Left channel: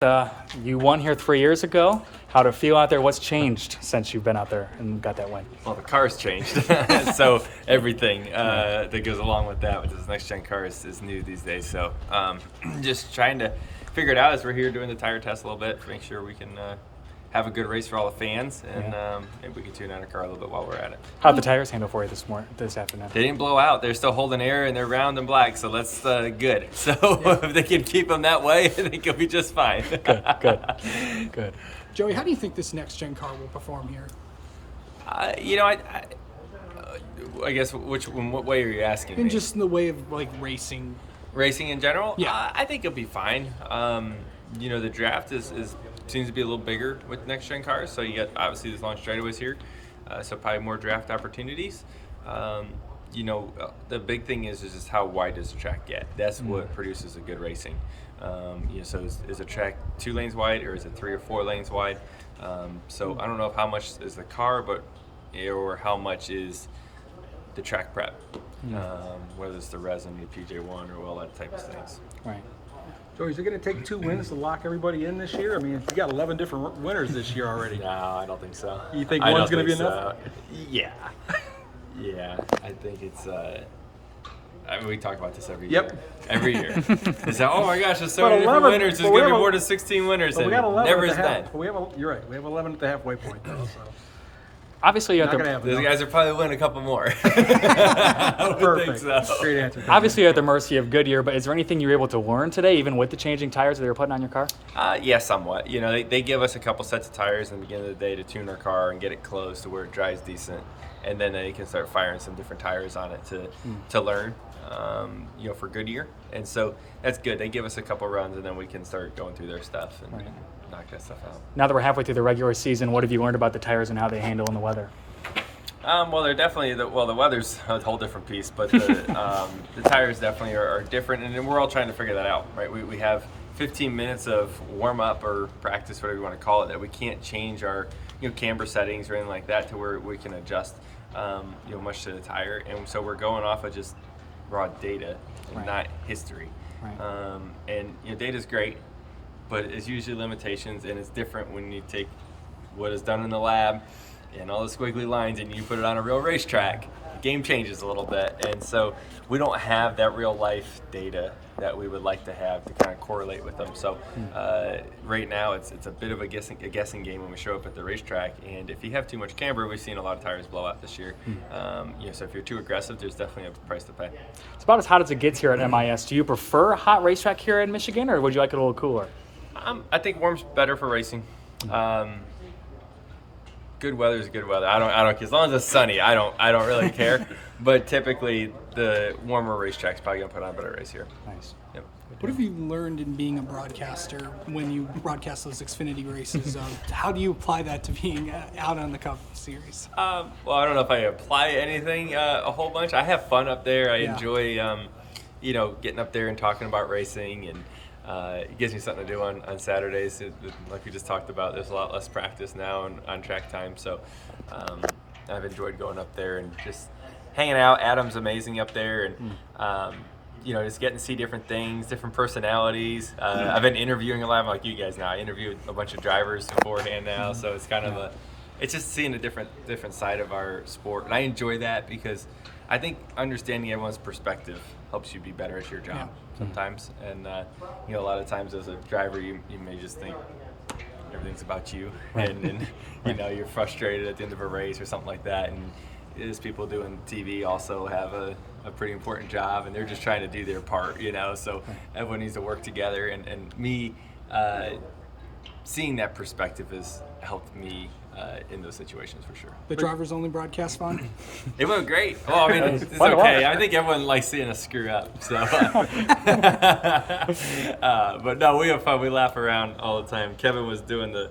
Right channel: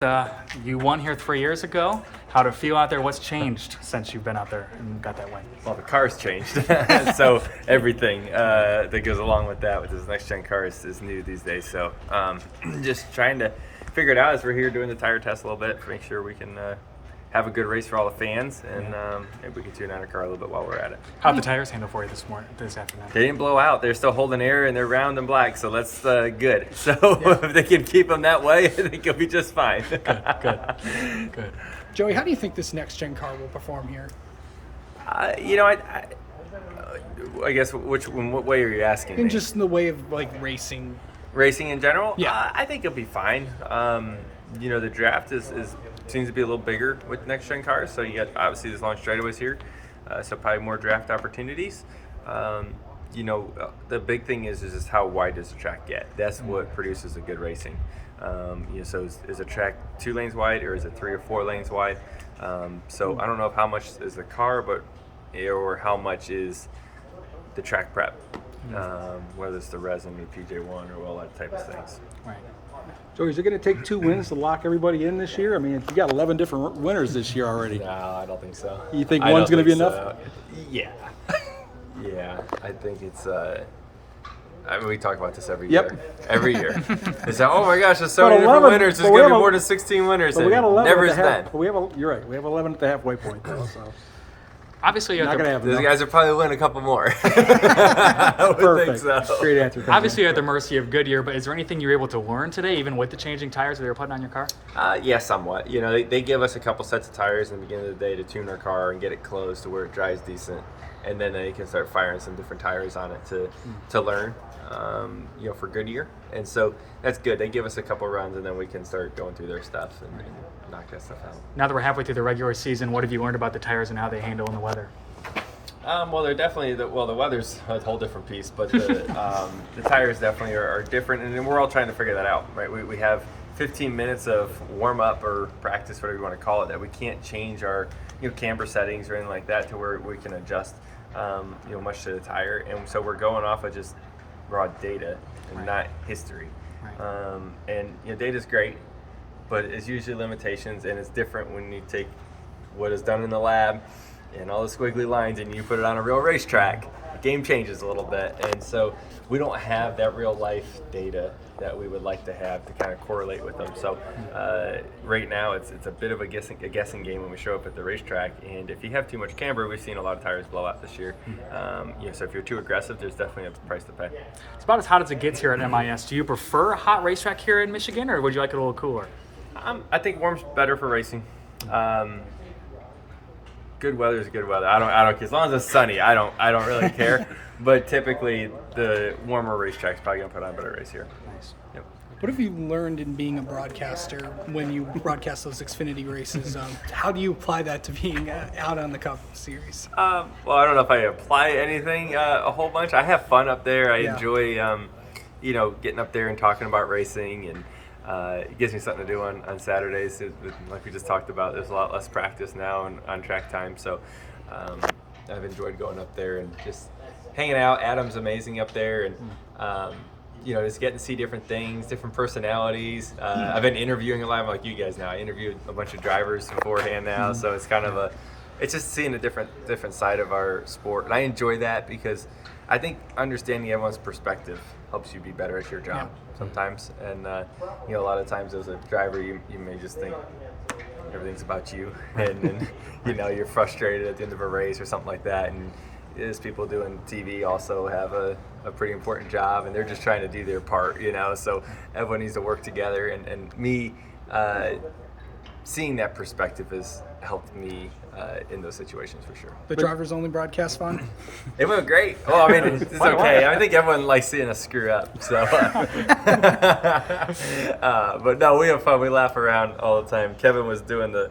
You won here 3 years ago. How'd it feel out there? What's changed since you've been out there and got that win? Well, the car's changed, so everything that goes along with that, with this next-gen car, is new these days. So just trying to figure it out as we're here doing the tire test a little bit to make sure we can have a good race for all the fans, and maybe we can tune out our car a little bit while we're at it. How'd the tires handle for you this afternoon? They didn't blow out. They're still holding air, and they're round and black, so that's good. So if they can keep them that way, I think it'll be just fine. Good. Joey, how do you think this next-gen car will perform here? I guess what way are you asking me? Just in the way of like racing. Racing in general? Yeah. I think it'll be fine. The draft seems to be a little bigger with next-gen cars, so you got obviously these long straightaways here, so probably more draft opportunities. The big thing is just how wide does the track get? That's what produces a good racing. So is a track 2 lanes wide, or is it 3 or 4 lanes wide? So I don't know how much is the car, or how much is the track prep, whether it's the resin or PJ1 or all that type of things. Right. So is it going to take 2 wins to lock everybody in this year? I mean, you got 11 different winners this year already. No, I don't think so. You think one's going to be enough? Yeah. Yeah, I think it's we talk about this every year. Every year. It's like, oh my gosh, there's so many different winners. There's going to be more than 16 winners, and never is then. You're right. We have 11 at the halfway point. So. Obviously, you Those guys will probably win a couple more. I would think so. Great answer. Obviously, you're at the mercy of Goodyear, but is there anything you were able to learn today, even with the changing tires that you were putting on your car? Yeah, somewhat. They give us a couple sets of tires in the beginning of the day to tune our car and get it closed to where it drives decent, and then they can start firing some different tires on it to learn. For Goodyear, and so that's good. They give us a couple runs, and then we can start going through their stuff and knock that stuff out. Now that we're halfway through the regular season, what have you learned about the tires and how they handle in the weather? Well, they're definitely the weather's a whole different piece, but the tires definitely are different, and we're all trying to figure that out, right? We have 15 minutes of warm up or practice, whatever you want to call it, that we can't change our camber settings or anything like that to where we can adjust much to the tire, and so we're going off of just raw data and not history. Data's great, but it's usually limitations, and it's different when you take what is done in the lab and all the squiggly lines and you put it on a real racetrack. The game changes a little bit, and so we don't have that real life data that we would like to have to kind of correlate with them. So right now it's a bit of a guessing game when we show up at the racetrack, and if you have too much camber, we've seen a lot of tires blow out this year. So if you're too aggressive, there's definitely a price to pay. It's about as hot as it gets here at MIS. Do you prefer a hot racetrack here in Michigan, or would you like it a little cooler? I think warm's better for racing. Good weather is good weather. I don't care. As long as it's sunny, I don't really care. But typically, the warmer racetrack's probably gonna put on a better race here. Nice. Yep. What have you learned in being a broadcaster when you broadcast those Xfinity races? How do you apply that to being out on the Cup Series? Well, I don't know if I apply anything a whole bunch. I have fun up there. I enjoy, getting up there and talking about racing, and it gives me something to do on Saturdays. Like we just talked about, there's a lot less practice now on track time, so I've enjoyed going up there and just hanging out. Adam's amazing up there, and just getting to see different things, different personalities. I've been interviewing a lot, like you guys now. I interviewed a bunch of drivers beforehand now, so it's kind of it's just seeing a different side of our sport, and I enjoy that because I think understanding everyone's perspective helps you be better at your job sometimes. And a lot of times as a driver, you may just think everything's about you, and you're frustrated at the end of a race or something like that. And these people doing TV also have a pretty important job, and they're just trying to do their part, so everyone needs to work together, and me seeing that perspective has helped me in those situations for sure. The driver's only broadcast fun? It went great. Well, I mean, it's okay. I think everyone likes seeing us screw up. So, but no, we have fun. We laugh around all the time. Kevin was doing the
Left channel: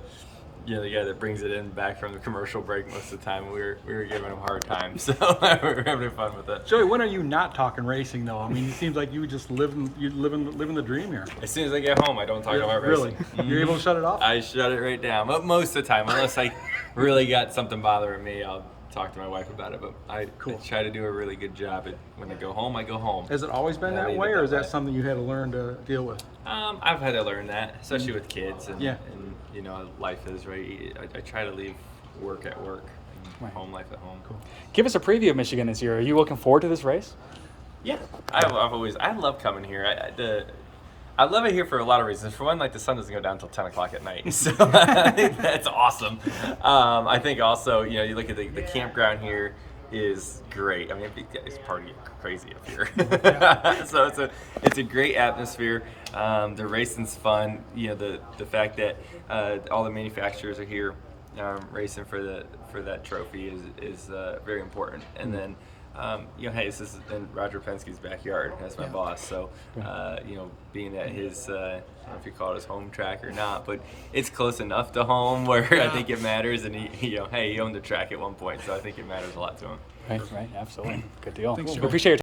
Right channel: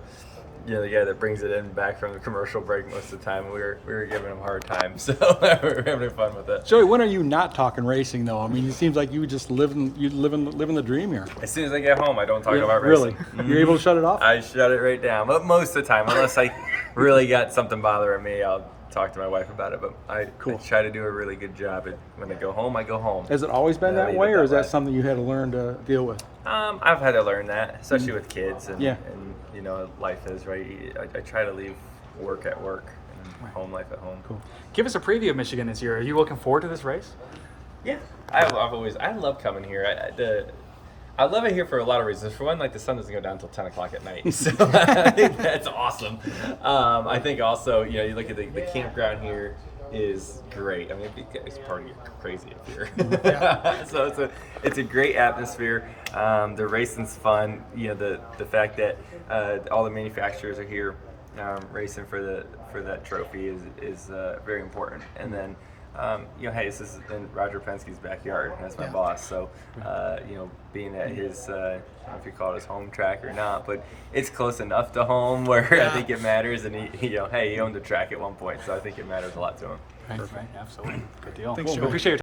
guy that brings it in back from the commercial break most of the time. We were giving him a hard time, so we're having fun with it. Joey, when are you not talking racing though? I mean, it seems like you just living the dream here. As soon as I get home, I don't talk about racing. Really? You're able to shut it off? I shut it right down. But most of the time, unless I really got something bothering me, I'll talk to my wife about it, but I try to do a really good job. When I go home, I go home. Has it always been And I that leave way, it or is that way. something you had to learn to deal with? I've had to learn that, especially with kids, and, Yeah. and you know, life is right. I try to leave work at work and home life at home. Give us a preview of Michigan this year. Are you looking forward to this race? Yeah, I love coming here. I love it here for a lot of reasons. For one, like the sun doesn't go down until 10 o'clock at night, so I think that's awesome. I think also, you know, you look at the campground here is great. I mean, it's party crazy up here. So it's a great atmosphere. The racing's fun. You know, the fact that all the manufacturers are here racing for that trophy is very important. And then you know, hey, this is in Roger Penske's backyard. That's my boss. So, you know, being at his, I don't know if you call it his home track or not, but it's close enough to home where I think it matters. And he, you know, hey, he owned the track at one point, so I think it matters a lot to him. Right, absolutely. Good deal. Thanks, Well, Joe. appreciate your